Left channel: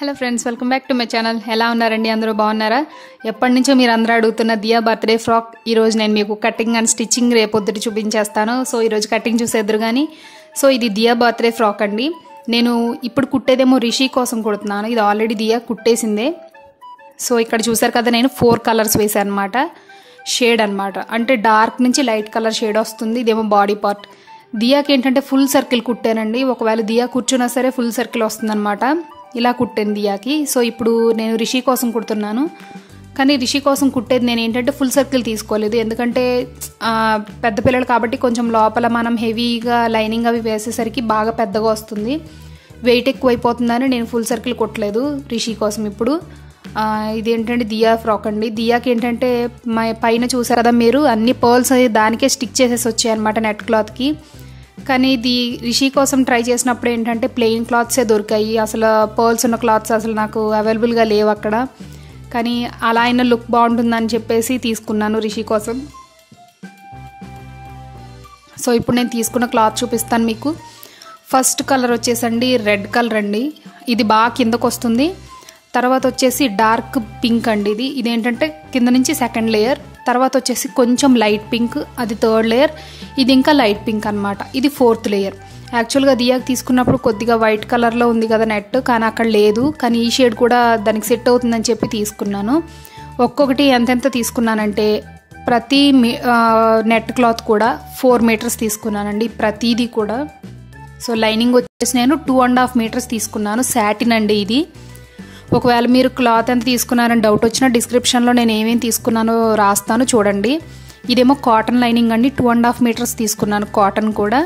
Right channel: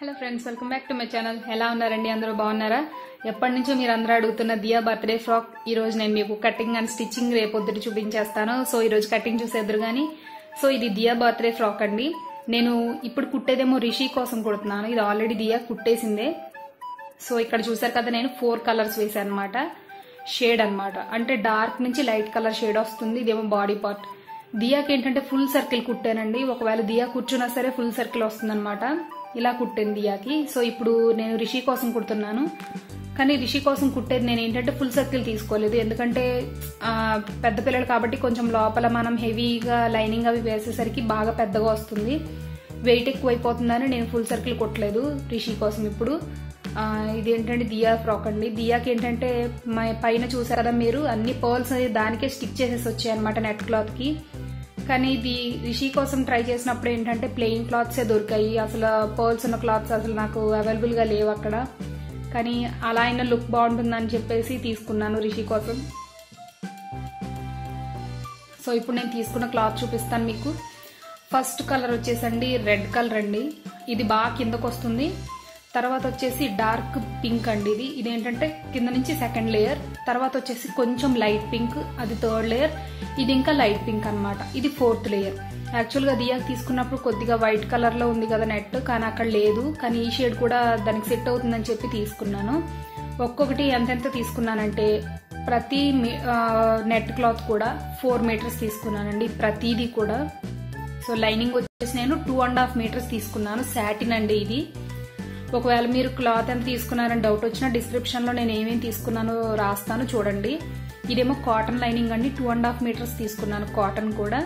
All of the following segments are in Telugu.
Hello friends, welcome back to my channel. ఎలా ఉన్నారండి? అందరూ బాగున్నారా? ఎప్పటి నుంచో మీరు అందరూ అడుగుతున్న దియా బర్త్డే ఫ్రాక్ ఈరోజు నేను మీకు కటింగ్ అండ్ స్టిచ్చింగ్ రేపొద్దుటి చూపించేస్తాను. సో ఈరోజు కటింగ్ చూసేద్దరు కానీ. సో ఇది దియా బర్త్డే ఫ్రాక్ అండి. నేను ఇప్పుడు కుట్టేదేమో రిషి కోసం కుడుతున్నాను. ఇది ఆల్రెడీ దియా కుట్టేసిందే. సో ఇక్కడ చూసారు కదా, నేను 4 కలర్స్ వేసాను అనమాట. షేడ్ అనమాట, అంటే డార్క్ నుంచి లైట్ కలర్ షేడ్ వస్తుంది. ఇదేమో బాడీ పార్ట్. దియాకి ఏంటంటే ఫుల్ సర్కిల్ కుట్టానండి. ఒకవేళ దియా కూర్చున్నా సరే ఫుల్ సర్కిల్ వస్తుంది అనమాట. ఇలా కుట్టాను దియాకి. సో ఇప్పుడు నేను రిషి కోసం కుడుతున్నాను. కానీ రిషి కోసం కుట్టేది నేను ఏంటంటే ఫుల్ సర్కిల్ తీసుకోలేదు, ఎందుకంటే పెద్ద పిల్లలు కాబట్టి కొంచెం లోపల మనం హెవీగా లైనింగ్ అవి వేసేసరికి బాగా పెద్దగా వస్తుంది, వెయిట్ ఎక్కువైపోతుందని నేను ఫుల్ సర్కిల్ కుట్టలేదు రిషి కోసం. ఇప్పుడు ఇదేంటంటే దియా ఫ్రాక్ అండి. దియాకి ఏంటంటే పైన చూసారు కదా మీరు, అన్ని పర్ల్స్ దానికే స్టిక్ చేసేసి వచ్చాయన్నమాట నెట్ క్లాత్కి. కానీ ఇది రిషి కోసం ట్రై చేసినప్పుడు ఏంటంటే ప్లెయిన్ క్లాత్సే దొరికాయి. అసలు పర్ల్స్ ఉన్న క్లాత్స్ అసలు నాకు అవైలబుల్గా లేవు అక్కడ. కానీ అలా అయినా లుక్ బాగుంటుందని చెప్పేసి తీసుకున్నాను రిషి కోసం. సో ఇప్పుడు నేను తీసుకున్న క్లాత్ చూపిస్తాను మీకు. ఫస్ట్ కలర్ వచ్చేసండి రెడ్ కలర్ అండి. ఇది బాగా కిందకు వస్తుంది. తర్వాత వచ్చేసి డార్క్ పింక్ అండి. ఇదేంటంటే కింద నుంచి సెకండ్ లేయర్. తర్వాత వచ్చేసి కొంచెం లైట్ పింక్, అది థర్డ్ లేయర్. ఇది ఇంకా లైట్ పింక్ అనమాట, ఇది 4th లేయర్. యాక్చువల్గా దియాకి తీసుకున్నప్పుడు కొద్దిగా వైట్ కలర్లో ఉంది కదా నెట్, కానీ అక్కడ లేదు. కానీ ఈ షేడ్ కూడా దానికి సెట్ అవుతుందని చెప్పి తీసుకున్నాను. ఒక్కొక్కటి ఎంతెంత తీసుకున్నానంటే ప్రతి నెట్ క్లాత్ కూడా 4 మీటర్స్ తీసుకున్నానండి, ప్రతిదీ కూడా. సో లైనింగ్ వచ్చేసి నేను 2.5 మీటర్స్ తీసుకున్నాను. సాటిన్ అండి ఇది. ఒకవేళ మీరు క్లాత్ ఎంత తీసుకున్నారని డౌట్ వచ్చినా డిస్క్రిప్షన్లో నేను ఏమేమి తీసుకున్నానో రాస్తాను, చూడండి. ఇదేమో కాటన్ లైనింగ్ అండి, 2.5 మీటర్స్ తీసుకున్నాను కాటన్ కూడా.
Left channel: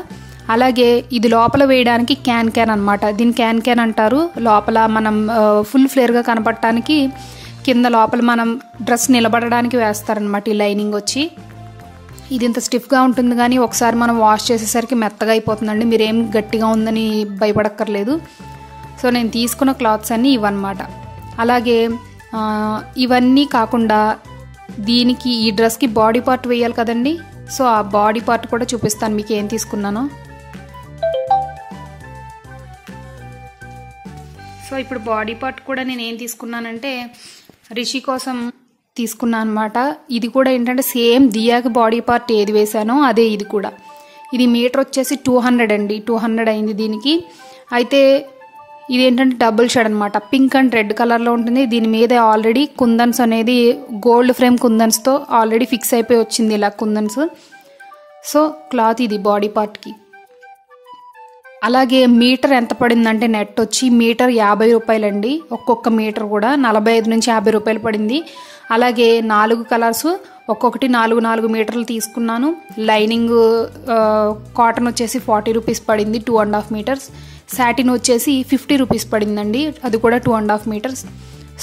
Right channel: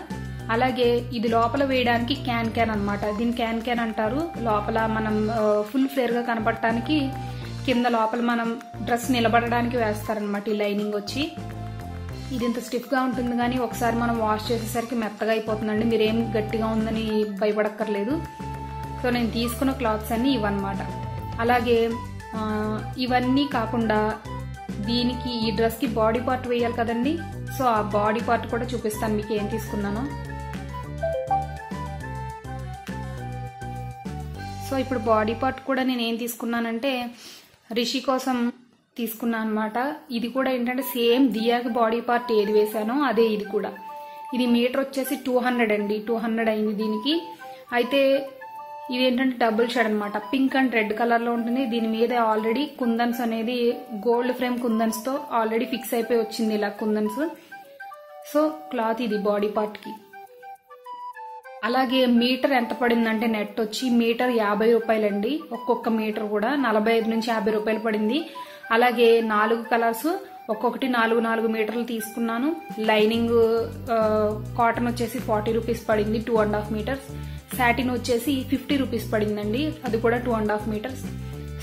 అలాగే ఇది లోపల వేయడానికి క్యాన్ అనమాట. దీన్ని క్యాన్ అంటారు. లోపల మనం ఫుల్ ఫ్లేర్గా కనపడటానికి కింద లోపల మనం డ్రెస్ నిలబడడానికి వేస్తారనమాట ఈ లైనింగ్ వచ్చి. ఇది ఇంత స్టిఫ్గా ఉంటుంది, కానీ ఒకసారి మనం వాష్ చేసేసరికి మెత్తగా అయిపోతుందండి. మీరేం గట్టిగా ఉందని భయపడక్కర్లేదు. సో నేను తీసుకున్న క్లాత్స్ అన్నీ ఇవన్నమాట. అలాగే ఇవన్నీ కాకుండా దీనికి ఈ డ్రెస్కి బాడీ పార్ట్ వేయాలి కదండి. సో ఆ బాడీ పార్ట్ కూడా చూపిస్తాను మీకు ఏం తీసుకున్నానో. సో ఇప్పుడు బాడీ పార్ట్ కూడా నేను ఏం తీసుకున్నానంటే రిషి కోసం తీసుకున్నాను అనమాట. ఇది కూడా ఏంటంటే సేమ్ దియాకి బాడీ పార్ట్ ఏది వేసానో అదే ఇది కూడా. ఇది మీటర్ వచ్చేసి 200 అండి, 200 అయింది దీనికి. అయితే ఇది ఏంటంటే డబుల్ షేడ్ అనమాట, పింక్ అండ్ రెడ్ కలర్లో ఉంటుంది. దీని మీద ఆల్రెడీ కుందన్స్ అనేది గోల్డ్ ఫ్రేమ్ కుందన్స్తో ఆల్రెడీ ఫిక్స్ అయిపోయి వచ్చింది ఇలా కుందన్స్. సో క్లాత్ ఇది బాడీ పార్ట్కి. అలాగే మీటర్ ఎంత పడిందంటే నెట్ వచ్చి మీటర్ 50 రూపాయలండి. ఒక్కొక్క మీటర్ కూడా 45 నుంచి 50 రూపాయలు పడింది. అలాగే 4 కలర్స్ ఒక్కొక్కటి 4 మీటర్లు తీసుకున్నాను. లైనింగ్ కాటన్ వచ్చేసి 40 రూపీస్ పడింది, 2.5 మీటర్స్. సాటిన్ వచ్చేసి 50 రూపీస్ పడిందండి, అది కూడా 2.5 మీటర్స్.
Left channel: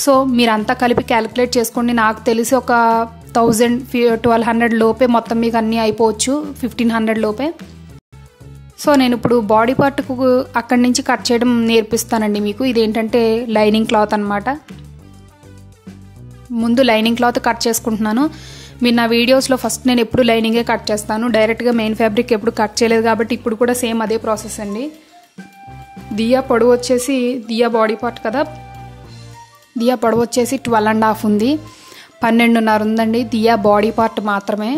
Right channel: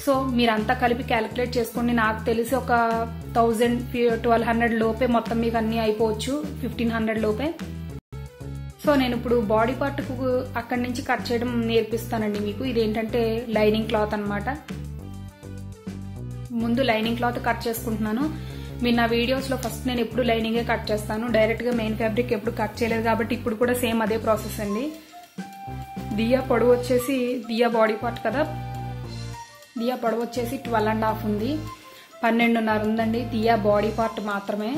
సో మీరంతా కలిపి క్యాలిక్యులేట్ చేసుకోండి. నాకు తెలిసి ఒక 1200 లోపే మొత్తం మీకు అన్నీ అయిపోవచ్చు, 1500 లోపే. సో నేను ఇప్పుడు బాడీ పార్ట్కు అక్కడి నుంచి కట్ చేయడం నేర్పిస్తానండి మీకు. ఇదేంటంటే లైనింగ్ క్లాత్ అనమాట. ముందు లైనింగ్ క్లాత్ కట్ చేసుకుంటున్నాను. మీరు నా వీడియోస్లో ఫస్ట్ నేను ఎప్పుడు లైనింగే కట్ చేస్తాను, డైరెక్ట్గా మెయిన్ ఫ్యాబ్రిక్ ఎప్పుడు కట్ చేయలేదు కాబట్టి ఇప్పుడు కూడా సేమ్ అదే ప్రాసెస్ అండి. దియా పొడవు వచ్చేసి, దియా బాడీ పార్ట్ కదా, దియా పొడవు వచ్చేసి 12.5 ఉంది, 12.5 ఉందండి దియా బాడీ పార్ట్ మాత్రమే.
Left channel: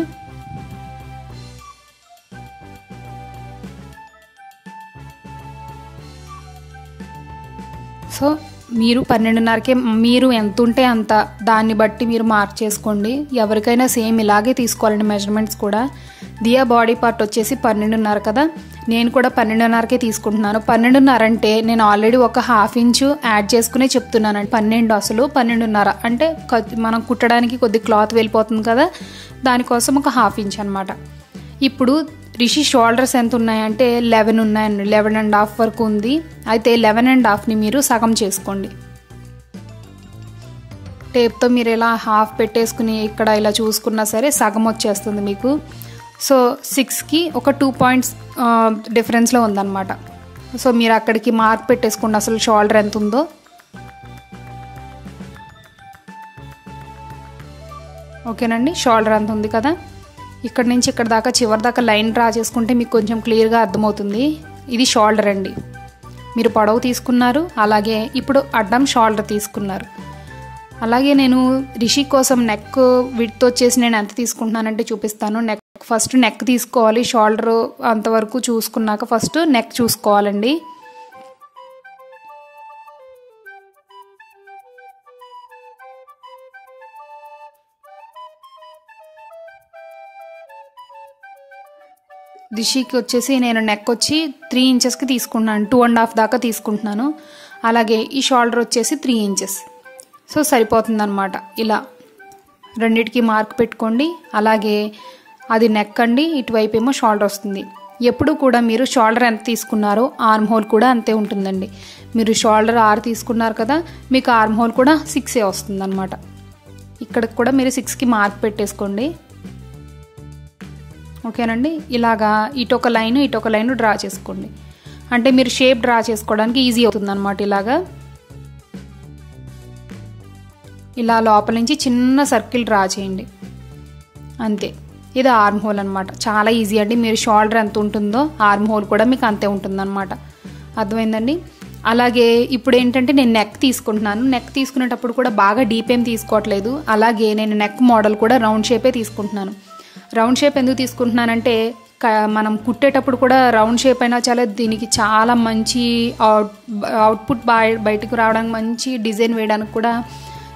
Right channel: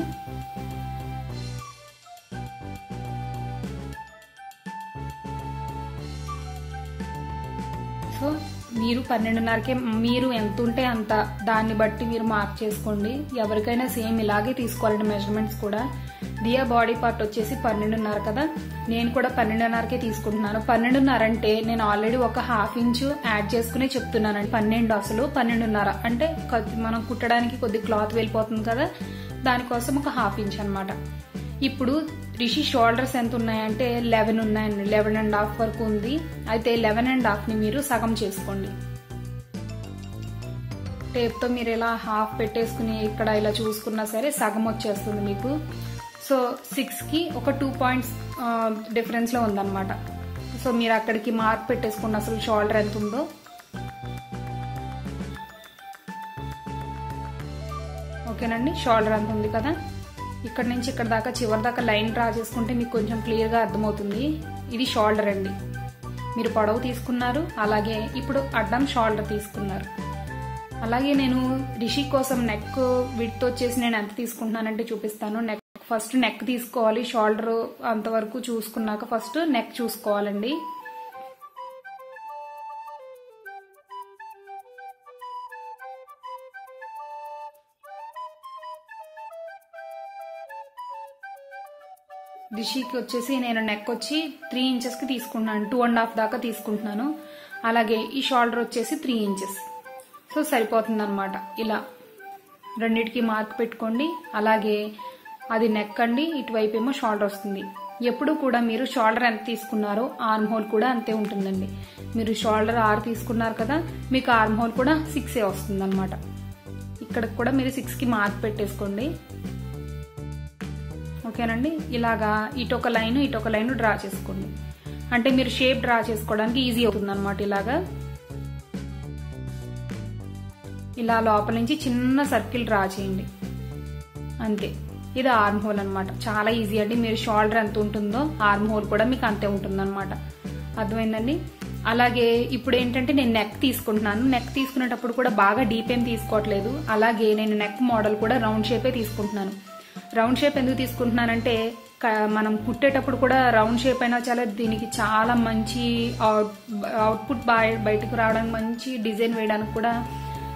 సో మీరు 12.5కే మీరు ఎంత ఉంటే అంత, దాన్ని బట్టి మీరు మార్క్ చేసుకోండి. ఎవరికైనా సేమ్ ఇలాగే తీసుకోవాలండి మెజర్మెంట్స్ కూడా. దియా బాడీ పార్ట్ వచ్చేసి 12.5 కదా, నేను కూడా 12.5కే తీసుకుంటున్నాను. 12.5 అంటే నేను ఆల్రెడీ ఒక 1/2 ఇంచు యాడ్ చేసుకునే చెప్తున్నానండి. 12 అసలు 12.5 అంటే మనం కుట్టడానికి కొద్ది క్లాత్ వెళ్ళిపోతుంది కదా, దానికోసం ఒక 1/2 ఇంచ్ అనమాట. ఇప్పుడు రిషి షోల్డర్స్ ఎంత ఉన్నాయంటే 11 ఉన్నాయండి, 11.5 వరకు ఉంది. అయితే 11.5ని మీరు సగం చేసుకోండి. టేప్తో మీరు ఇలా హాఫ్ పెట్టేసుకుని ఇక్కడ ఇలా చూసుకున్నా సరే సగం వచ్చేస్తుంది మీకు. సో 6కి ఒక 2 పాయింట్స్ డిఫరెన్స్లో ఉందన్నమాట. సో మీరు అక్కడికి మార్క్ పెట్టేసుకోండి అసలు షోల్డర్ ఎంత ఉందో. ఓకేనండి, షోల్డర్ అంత ఉంది కదా. ఇక్కడ నుంచి ఇక్కడ దాకా చివరి దాకా లైన్ డ్రా చేసుకుంటే మీకు కొంచెం క్లియర్గా అర్థమవుతుంది. ఇది షోల్డర్ అండి. మీరు పొడవు తీసుకున్నారు, అలాగే ఇప్పుడు అడ్డం షోల్డర్ తీసుకున్నారు. అలాగే నేను రిషి కోసం నెక్ విడ్త్ వచ్చేసి నేను ఎంత తీసుకుంటున్నానంటే చూపిస్తాను. ఫస్ట్ నెక్ తీసుకోవాలి, షోల్డర్ అంతవరకు చూసుకున్నాక ఫస్ట్ నెక్ చూసుకోవాలండి. రిషికి వచ్చేసి నేను నెక్ వచ్చి 3 ఇంచెస్కి తీసుకుంటున్నాను, 2.5 దాకా తీసుకుంటున్నాను. అలాగే ఈ షోల్డర్ వచ్చేసి 3 ఇంచెస్. సో సరిపోతుందన్నమాట. ఇలా రెండిటికి మార్క్ పెట్టుకోండి. అలాగే అది నెక్ అండి, ఇటువైపు ఏమో షోల్డర్ వస్తుంది. ఎప్పుడు కూడా మీరు షోల్డర్ ఎంత తీసుకున్నారో ఆర్మ్ హోల్ కూడా అంతే ఉంటుందండి. మీరు షోల్డర్ 6 తీసుకున్నారు కదా, మీకు ఆర్మ్ హోల్ కూడా 6 వస్తుందన్నమాట. ఇక్కడికి కూడా మీరు 6కి మార్క్ పెట్టేసుకోండి. ఓకేనండి. ఇలాగా ఇటొక లైన్ డ్రా చేసుకోండి. అంటే మీరు షేప్ డ్రా చేసుకోవడానికి ఈజీ అవుతుందన్నమాట. ఇలా లోపల నుంచి చిన్న సర్కిల్ డ్రా చేయండి, అంతే. ఇది ఆర్మ్ హోల్ అనమాట. చాలా ఈజీ అండి. మీరు షోల్డర్ ఎంత ఉంటుందో ఆర్మ్ హోల్ కూడా మీకు అంతే ఉంటుందన్నమాట. అర్థమైందండి. అలాగే ఇప్పుడు ఏంటంటే నేను నెక్ తీసుకుంటున్నాను. నెక్ తీసుకునేటప్పుడు కూడా బాగా డీప్ ఏం తీసుకోవట్లేదు. అలాగే నేను నెక్ మోడల్ కూడా రౌండ్ షేపే తీసుకుంటున్నాను. రౌండ్ షేప్ ఎందుకు తీసుకుంటున్నానంటే మనం కుట్టేటప్పుడు కూడా రౌండ్ షేప్ అయినా దీనికి చాలా మంచి అవుట్పుట్ బయటకు రావడానికి, మంచి డిజైన్ వేయడానికి కూడా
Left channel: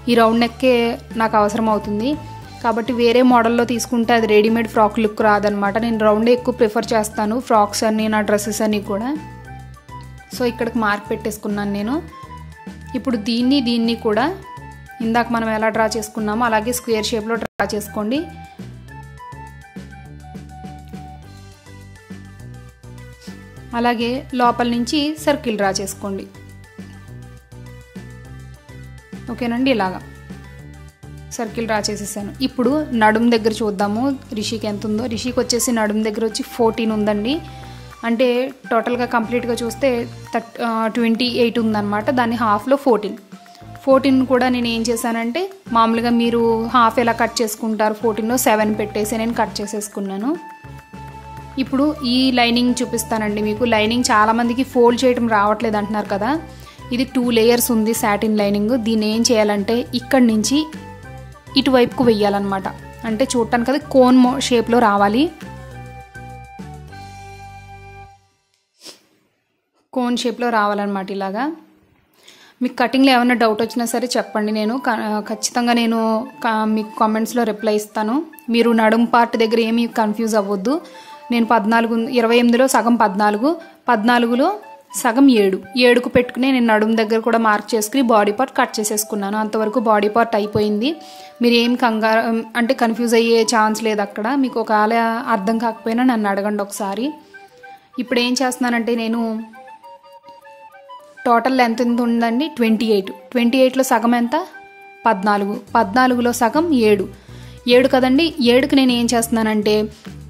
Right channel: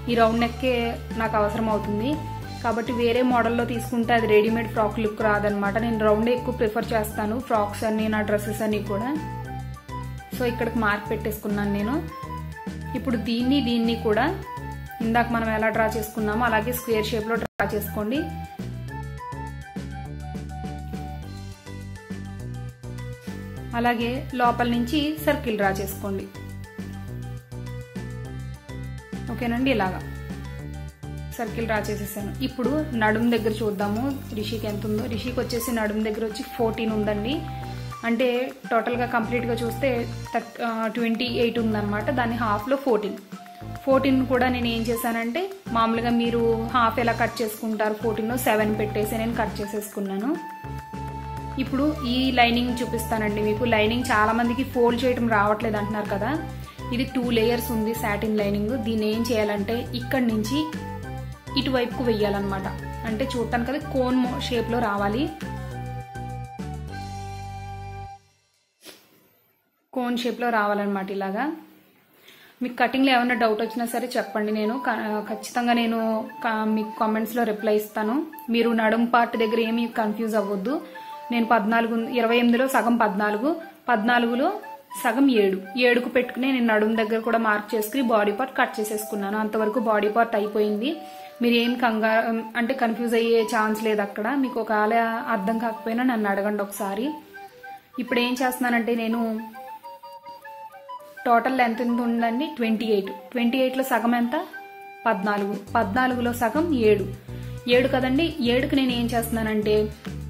ఈ రౌండ్ నెక్కే నాకు అవసరం అవుతుంది. కాబట్టి వేరే మోడల్లో తీసుకుంటే అది రెడీమేడ్ ఫ్రాక్ లుక్ రాదనమాట. నేను రౌండే ఎక్కువ ప్రిఫర్ చేస్తాను, ఫ్రాక్స్ అన్నీ, నా డ్రెస్సెస్ అన్నీ కూడా. సో ఇక్కడికి మార్క్ పెట్టేసుకున్నాను నేను. ఇప్పుడు దీన్ని కూడా ఇందాక మనం ఎలా డ్రా చేసుకున్నామో అలాగే స్క్వేర్ షేప్లో డ్రా చేసుకోండి. అలాగే లోపల నుంచి సర్కిల్ డ్రా చేసుకోండి. ఓకేనండి. ఇలాగా సర్కిల్ డ్రా చేసేసాను. ఇప్పుడు నడుం దగ్గర చూద్దాము రిషికి ఎంత ఉందో. రిషికి వచ్చేసి నడుం దగ్గర వచ్చి 14 ఉందండి. అంటే టోటల్గా కంప్లీట్గా చూస్తే 28 ఉందన్నమాట. దాన్ని హాఫ్లో 14 కూడా నేను ఏం చేశానంటే, మామూలుగా మీరు హాఫ్ ఎలా కట్ చేసుకుంటారు, 14లో 7 పెట్టేసి నేను కట్ చేసేసుకున్నాను. ఇప్పుడు ఈ లైనింగ్ చూపిస్తానండి మీకు. లైనింగ్ చాలామందికి ఫోల్డ్ చేయడం రావట్లేదు అంటున్నారు కదా. ఇది 2 లేయర్స్ ఉంది సాటిన్ లైనింగ్. దీన్ని ఏం చేయాలంటే ఇక్కడి నుంచి ఇటువైపుకు వెయ్యాలన్నమాట. అంటే చూడటానికి అది కోన్ షేప్లో రావాలి. కోన్ షేప్లో రావాలన్నమాట. ఇలాగా మీకు కటింగ్లో ఏమైనా డౌట్ వచ్చినా సరే చెప్పండి, నేను ఖచ్చితంగా మీకు కామెంట్స్లో రిప్లై ఇస్తాను. మీరు నడుం పార్ట్ దగ్గర ఏమీ కన్ఫ్యూజ్ అవ్వద్దు. నేను 28లో సగం 14లో సగం 7కు పెట్టుకుని నేను నడుము దగ్గర కూడా మార్క్ చేసుకుని బాడీ పార్ట్ కట్ చేసేసుకున్నాను. అంతవరకు బాడీ పార్ట్ అయిపోయింది. మీరు ఏం అంటే కన్ఫ్యూజ్ అయ్యే ఛాన్స్ లేదు అక్కడ. మీకు ఒకవేళ అర్థం కాకపోయినా నన్ను అడగండి ఒకసారి. ఇప్పుడు ఏం చేస్తున్నానంటే నేను టోటల్ ఎంత ఉందండి 28లో సగం ఎంత 14లో సగం 7 కదండి. 7కి నేను ఏం చేస్తున్నానంటే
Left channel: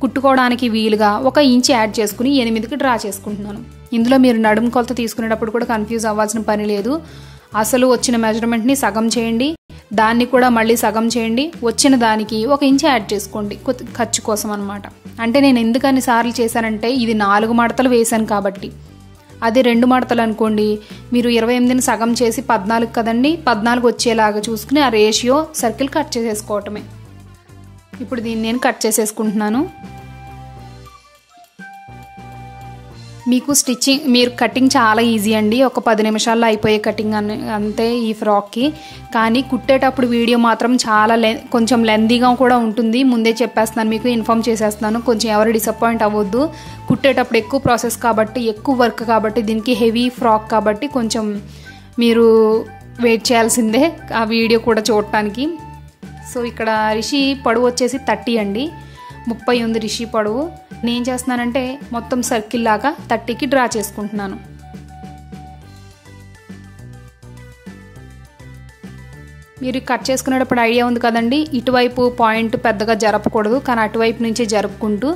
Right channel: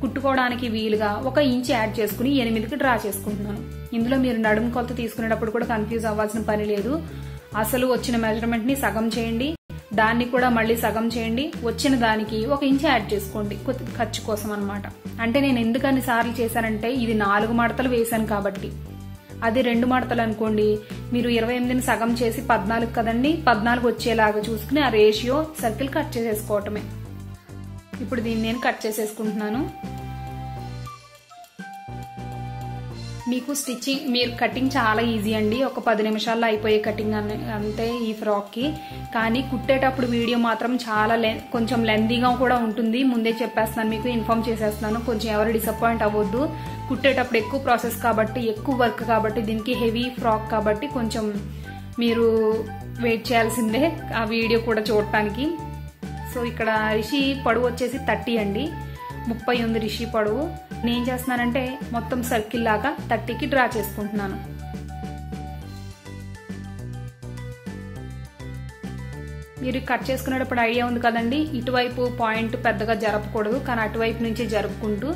కుట్టుకోవడానికి వీలుగా 1 ఇంచ్ యాడ్ చేసుకుని 8కి డ్రా చేసుకుంటున్నాను. ఇందులో మీరు నడుము కొలత తీసుకునేటప్పుడు కూడా కన్ఫ్యూజ్ అవ్వాల్సిన పని లేదు. అసలు వచ్చిన మెజర్మెంట్ని సగం చేయండి, దాన్ని కూడా మళ్ళీ సగం చేయండి, వచ్చిన దానికి 1 ఇంచ్ యాడ్ చేసుకోండి ఖర్చు కోసం అనమాట. అంటే నేను ఎందుకని సార్లు చేశానంటే ఇది 4 మడతలు వేశాను కాబట్టి. అదే 2 మడతలు అనుకోండి, మీరు 28ని సగం చేసి 14 కదండి, 14 వచ్చేలాగా చూసుకుని ఆ రేషియో సర్కిల్ కట్ చేసేసుకోవటమే. ఇప్పుడు దీన్ని నేను కట్ చేసేసుకుంటున్నాను. మీరు కటింగ్ చాలా ఈజీ అండి. ఒక 10 నిమిషాల్లో అయిపోయే కటింగ్ అంతే ఈ ఫ్రాక్కి. కానీ కుట్టేటప్పుడు వీడియో మాత్రం చాలా కొంచెం లెందీగా కూడా ఉంటుంది. ముందే చెప్పేస్తున్నాను, మీకు ఇన్ఫామ్ చేసేస్తున్నాను. కొంచెం ఎవరు డిసప్పాయింట్ అవ్వద్దు. కుట్టేటప్పుడు ఎక్కువ ప్రాసెస్ కాబట్టి, ఎక్కువ వర్క్ కాబట్టి, దీనికి హెవీ ఫ్రాక్ కాబట్టి కొంచెం మీరు వెయిట్ చేయాల్సిందే ఆ వీడియో కూడా చూడటానికి. సో ఇక్కడ రిషి పొడవు వచ్చేసి 30 అండి, 30 ఉంది రిషి పొడవు. నేను చేస్తున్నానంటే మొత్తం సర్కిల్ లాగా 30కి డ్రా చేసుకుంటున్నాను. మీరు కట్ చేసుకునేటప్పుడు ఐడియా ఉంది కదండి, ఇటువైపు పాయింట్ పెద్దగా జరపకూడదు, కానీ అటువైపు నుంచి జరుపుకుంటూ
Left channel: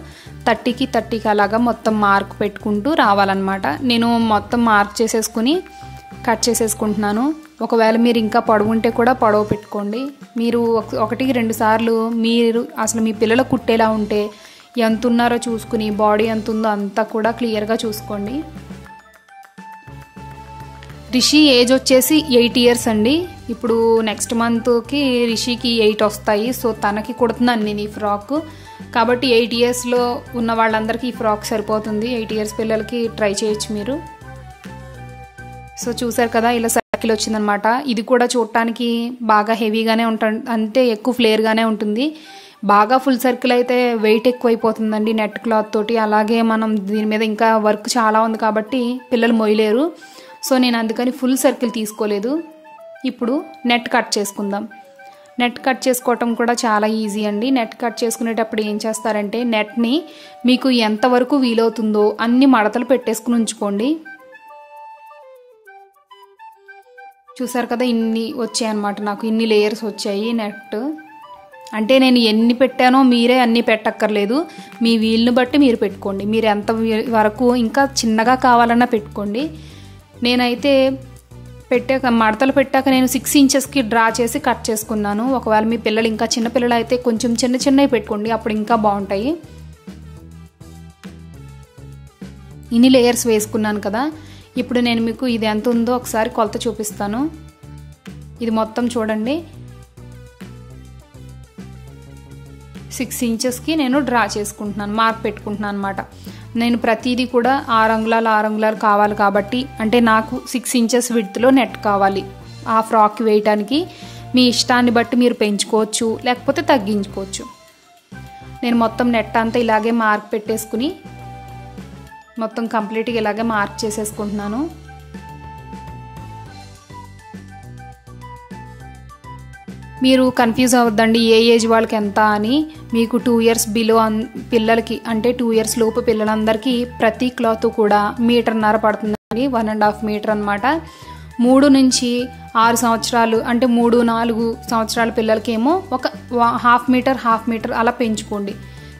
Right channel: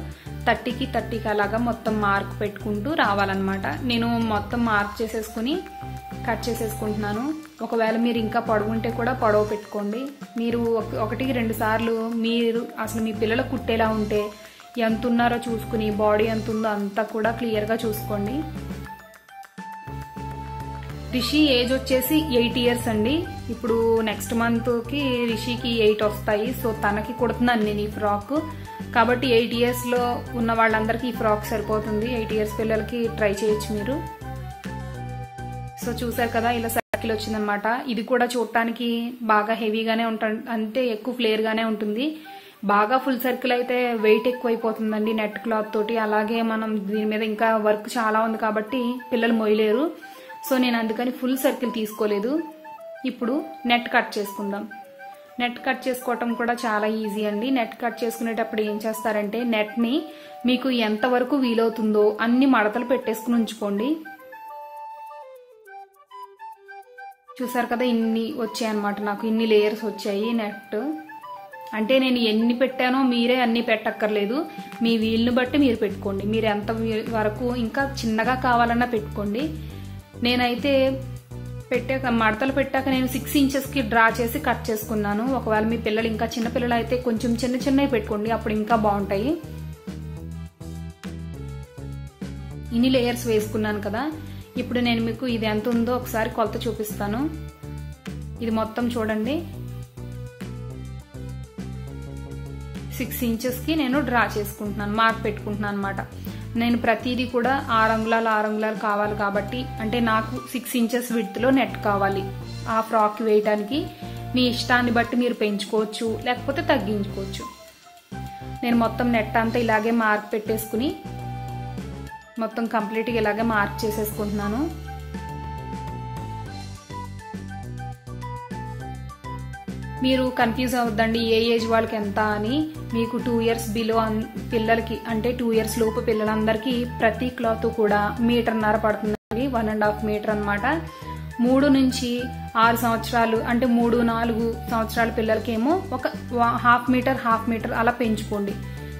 30కి అలాగా మొత్తం మార్క్ పెట్టుకుంటూ రావాలన్నమాట. నేను మొత్తం మార్క్ చేసేసుకుని కట్ చేసేసుకుంటున్నాను. ఒకవేళ మీరు ఇంకా పొడవు ఉంటే కూడా పొడవు పెట్టుకోండి. మీరు 1-2 సార్లు మీరు అసలు మీ పిల్లలు కుట్టేలా ఉంటే ఎంత ఉన్నారో చూసుకుని బాడీ ఎంత ఉందో అంతా కూడా క్లియర్గా చూసుకోండి. రిషి ఏజ్ వచ్చేసి 8 ఇయర్స్ అండి. ఇప్పుడు నెక్స్ట్ మంత్కి రిషికి 8 వస్తాయి. సో తనకి కుడుతున్నాను నేను ఈ ఫ్రాక్. కాబట్టి 8 ఇయర్స్లో ఉన్న వాళ్ళందరికీ ఈ ఫ్రాక్ సరిపోతుంది. 8 ఇయర్స్ పిల్లలకి ట్రై చేయొచ్చు మీరు. సో చూసారు కదా, ఇలా సర్కిల్ వచ్చిందనమాట. ఇది కూడా చూడటానికి బాగా హెవీగానే ఉంటుంది, అంటే ఎక్కువ ఫ్లేర్గానే ఉంటుంది. బాగా ఫుల్ సర్కిల్ అయితే వెయిట్ ఎక్కువైపోతుందండి నెట్ క్లాత్ తోటి. అలాగే మనం దీని మీద ఇంకా వర్క్ చాలా ఉంది కాబట్టి పిల్లలు మొయ్యలేరు. సో నేను అందుకని ఫుల్ సర్కిల్ తీసుకోలేదు. ఇప్పుడు నెట్ కట్ చేసుకుందాం. నెట్ కట్ చేసుకోవటం కూడా చాలా ఈజీ అండి. నెట్ కట్ చేసుకునేటప్పుడు ఏం చేస్తారంటే, నెట్ని మీకు ఎంతవరకు వీలవుతుందో అన్ని మడతలు పెట్టేసుకుని ఉంచుకోండి. చూసారు కదా, ఇన్ని వచ్చాయి అన్నమాట. నాకు ఇన్ని లేయర్స్ వచ్చాయి నెట్. అంటే నేను ఎన్ని పెట్టానో మీరే అన్ని పెట్టక్కర్లేదు, మీ వీలుని బట్టి మీరు పెట్టుకోండి. మీరు ఎంత వరకు ఇంకా చిన్నగా కావాలన్నా పెట్టుకోండి. నేనైతే మడతలు పెట్టాక నేను 6 ఇంచెస్కి డ్రా చేసి కట్ చేసుకున్నాను. ఒకవేళ మీ పిల్లలు ఇంకా చిన్న పిల్లలు అయితే కొంచెం చిన్నవి పెట్టుకోండి, అప్పుడు ఇంకా బాగుంటాయి. ఇన్ని లేయర్స్ వేసుకున్నాను కదా. ఇప్పుడు నేను మీకు ఇది ఎంత ఉందో ఒకసారి కొలత చూపిస్తాను. ఇది మొత్తం చూడండి, 6 ఇంచెస్కి నేను డ్రా చేసుకుంటున్నాను, మార్క్ పెట్టుకుంటున్నాను అనమాట. నేను ప్రతిదీ కూడా 6 అంగుళాలు కావాలి కాబట్టి, అంటే నాకు 6 ఇంచెస్ విడ్త్లో నెట్ కావాలి ఆ ఫ్రాక్ వేయటానికి. మీ ఇష్టాన్ని బట్టి మీరు పెంచుకోవచ్చు, లేకపోతే తగ్గించుకోవచ్చు. నేను మొత్తం నెట్ అంతా ఇలాగే మార్క్ పెట్టేసుకుని మొత్తం కంప్లీట్గా ఇలాగే మార్క్ చేసేసుకుంటున్నాను. మీరు కన్ఫ్యూజ్ అవ్వద్దండి ఏ ఏజ్ వాళ్ళకి ఎంత అని. మీకు 2 ఇయర్స్ బిలో పిల్లలకి, అంటే 2 ఇయర్స్ లోపు పిల్లలందరికీ ప్రతి క్లాత్ కూడా 1.5 మీటర్ పడుతుందండి, 1.5 మీటర్ అనమాట. 3 నుంచి 6 సంవత్సరాలు, అంటే 3-4 సంవత్సరాల పిల్లలకేమో ఒక 1/2 మీటర్ అలా పెంచుకోండి.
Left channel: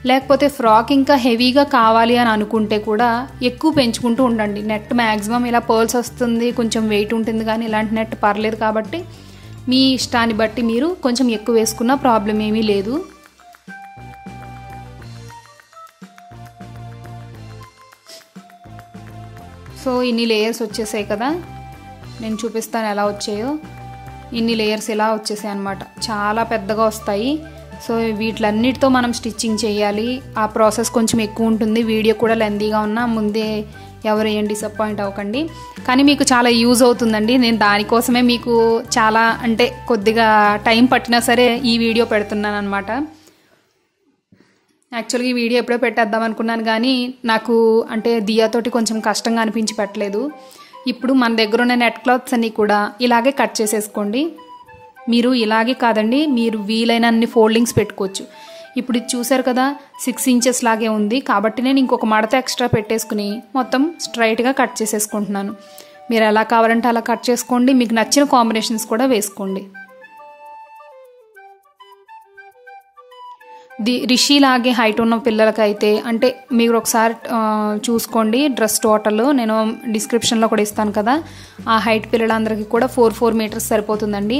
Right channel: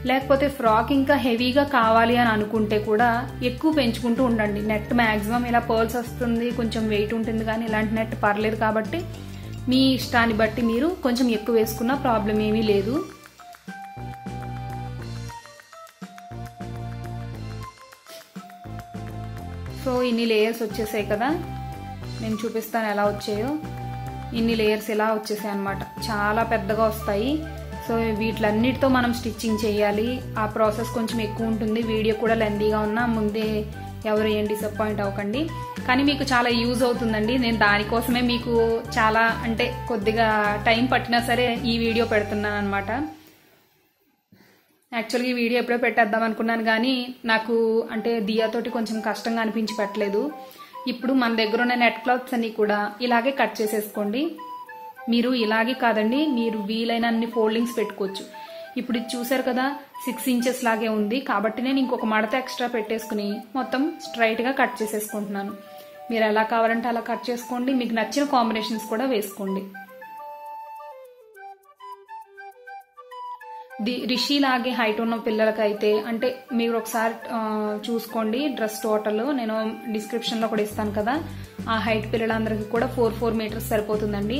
లేకపోతే ఫ్రాక్ ఇంకా హెవీగా కావాలి అని అనుకుంటే కూడా ఎక్కువ పెంచుకుంటూ ఉండండి. నెట్ మ్యాక్సిమం ఇలా పర్ల్స్ వస్తుంది, కొంచెం వెయిట్ ఉంటుంది, కానీ ఇలాంటి నెట్ పర్లేదు. కాబట్టి మీ ఇష్టాన్ని బట్టి మీరు కొంచెం ఎక్కువ వేసుకున్న ప్రాబ్లం ఏమీ లేదు. సో ఇన్ని లేయర్స్ వచ్చేసాయి కదా, నేను చూపిస్తాను ఎలా వచ్చాయో. ఇన్ని లేయర్స్ ఇలా వచ్చేసాయి అన్నమాట, చాలా పెద్దగా వస్తాయి. సో వీటిలన్నిటితో మనం స్టిచ్చింగ్ చేయాలి. ఆ ప్రాసెస్ కొంచెం ఎక్కువ ఉంటుంది, వీడియో కూడా లెందీగా ఉన్నా ముందే ఎవరు ఏం డిసప్పాయింట్ అవ్వకండి. కానీ మీకు చాలా యూజ్ అవుతుందండి. నేను దానికోసమే మీకు చాలా, అంటే కొద్దిగా టైం పట్టినా సరే ఈ వీడియో పెడుతున్నాను అనమాట. యాక్చువల్గా ఈ వీడియో ఎప్పుడో పెట్టేద్దాం అనుకున్నాను, కానీ నాకు అంటే దియాతోటి కొంచెం కష్టంగా అనిపించి పెట్టలేదు. ఇప్పుడు మన దగ్గర ఉన్న నెట్ క్లాత్స్ అన్ని కూడా ఇలాగే కట్ చేసేసుకోండి. మీరు ఇలాగే కాదండి, మీరు వీలైనన్ని ఫోల్డింగ్స్ పెట్టుకోవచ్చు. ఇప్పుడు ఇది చూసారు కదా, 6 ఇంచెస్ లాగే ఉంది కాబట్టి నేను ఇంకొక మడత ఎక్స్ట్రా పెట్టేసుకుని మొత్తం స్ట్రైట్గా కట్ చేసేసుకుంటున్నాను. మీరు ఎలా కావాలంటే అలా కట్ చేసుకోండి, మీకు నచ్చిన కాంబినేషన్స్ కూడా వేసుకోండి. రిషి లాగే హైట్ ఉన్న పిల్లలకైతే, అంటే మీరు ఒకసారి చూసుకోండి డ్రెస్ టోటల్, నేను డిస్క్రిప్షన్లో కూడా ఇస్తాను కదా. ఆ హైట్ పిల్లలందరికీ కూడా 4 మీటర్స్ సరిపోతుందండి.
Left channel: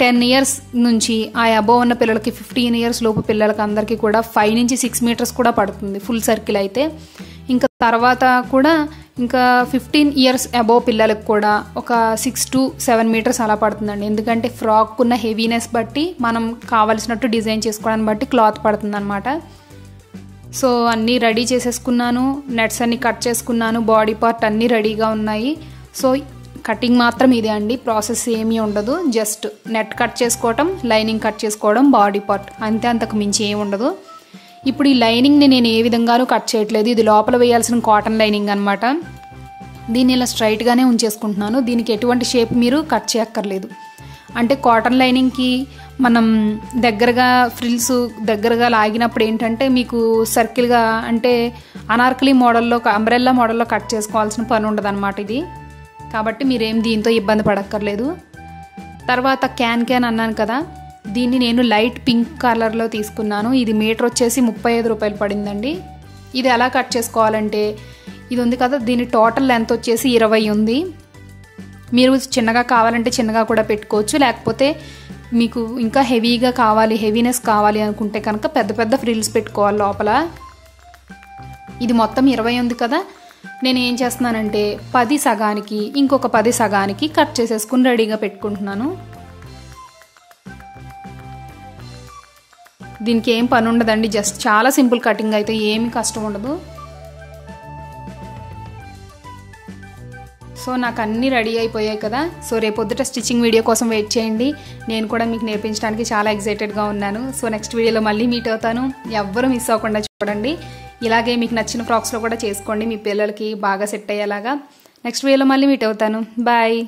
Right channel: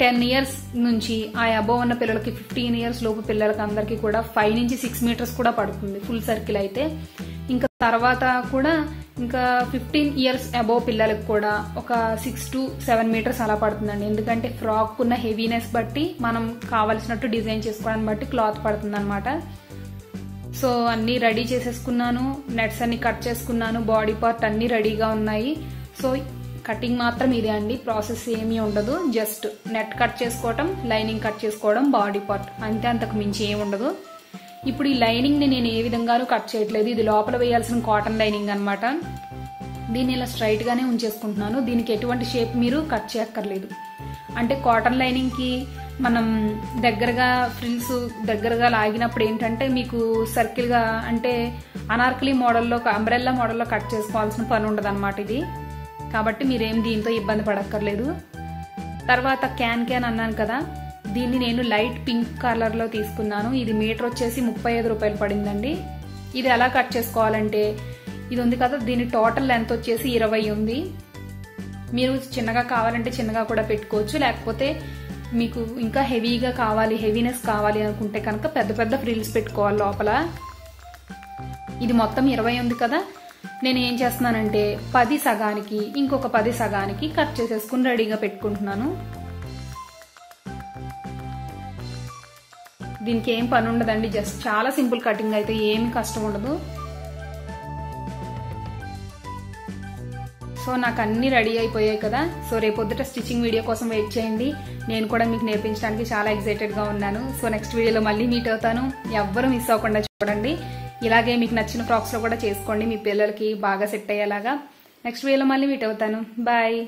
10 ఇయర్స్ నుంచి ఆ అబోవ్ ఉన్న పిల్లలకి, 15 ఇయర్స్ లోపు పిల్లలకి అందరికీ కూడా 5 నుంచి 6 మీటర్స్ కూడా పడుతుంది ఫుల్ సర్కిల్ అయితే. ఇంకా తర్వాత కూడా ఇంకా 15 ఇయర్స్ అబోవ్ పిల్లలకు కూడా ఒక 6 to 7 మీటర్స్ అలా పడుతుందండి. ఎందుకంటే ఫ్రాక్ ఉన్న హెవీనెస్ బట్టి మనం కావాల్సినట్టు డిజైన్ చేసుకోవడానికి బట్టి క్లాత్ పడుతుంది అనమాట. సో అన్నీ రెడీ చేసేసుకున్నాను, నెట్స్ అన్ని కట్ చేసుకున్నాను, బాడీ పార్ట్ అన్నీ రెడీగా ఉన్నాయి. సో కటింగ్ మాత్రం ఇదే అండి, ప్రాసెస్ ఏమీ ఉండదు. జస్ట్ నెట్ కట్ చేసుకోవటం, లైనింగ్ కట్ చేసుకోవడం, బాడీ పార్ట్ అంతే, అంతకు మించి ఏమి ఉండదు. ఇప్పుడు ఈ లైనింగ్ని నేను ఏ విధంగానూ కట్ చేయట్లేదు, ఇది లోపల వేయాల్సిన కాటన్ లైనింగ్ అనమాట. దీన్ని ఇలా స్ట్రైట్గానే ఉంచేసుకుంటున్నాను, దీనికి ఎటువంటి షేప్ మీరు కట్ చేయక్కర్లేదు. అంటే కాటన్ లైనింగ్కి మనం దగ్గరగా ఫ్రిల్స్ దగ్గరగా లాగినప్పుడు ఏంటంటే మీకు సర్కిల్గా, అంటే అనార్కలి మోడల్లో, అంబ్రెల్లా మోడల్లో కట్ చేసుకోవాల్సిన పని ఉండదు అనమాట ఇది. కాబట్టి మీరేం దీంతో ఇబ్బంది పడక్కర్లేదు. తర్వాత క్యాన్ అన్నాను కదా, దీన్ని నేను లైట్ పింక్ కలర్లో తీసుకున్నాను. ఇది మీటర్ వచ్చేసి 35 రూపాయలు పడిందండి. ఇది ఎలా కట్ చేసుకోవాలంటే, ఇది ఉంది కదా, దీని టోటల్ లెంత్ వచ్చేసి 20 ఉంది. మీరు చిన్నగా కావాలంటే చిన్నగా కూడా పెట్టుకోవచ్చు, లేకపోతే మీకు ఇంకా హెవీగా కావాలి, హెవీనెస్ కావాలి అనుకుంటే కనుక పెద్ద పెద్ద ఫ్రిల్స్ పెట్టుకోవాలి లోపల. ఇది మొత్తం 20 ఉంది కదా, నేను ఏం చేస్తున్నానంటే 10 సగానికి ఇంకొక 10 సగానికి కట్ చేసేసుకుని రెడీగా పెట్టుకుంటున్నాను. దీనికి ఏం పని ఉండదండి, జస్ట్ చాలా సింపుల్ కటింగ్ అయితే ఏమి కష్టం ఉండదు. సో నాకు అన్నీ రెడీ అయిపోయాయి కదా. సో రేపొద్దుట స్టిచ్చింగ్ వీడియో కోసం వెయిట్ చేయండి. నేను కూడా మీకు నేర్పించడానికి చాలా ఎక్సైటెడ్గా ఉన్నాను. సో నెక్స్ట్ వీడియోలో మళ్ళీ మీట్ అవుతాను. ఎవ్వరూ మిస్ అవ్వకుండా చూడండి. ఇలాగే మీకు నచ్చిన ఫ్రాక్స్లో కూడా చేసుకోండి, మీ పిల్లలకి బాగా సెట్ అయ్యేలాగా. నెక్స్ట్ వీడియోలో మళ్ళీ మీట్ అవుతాను. బాయ్.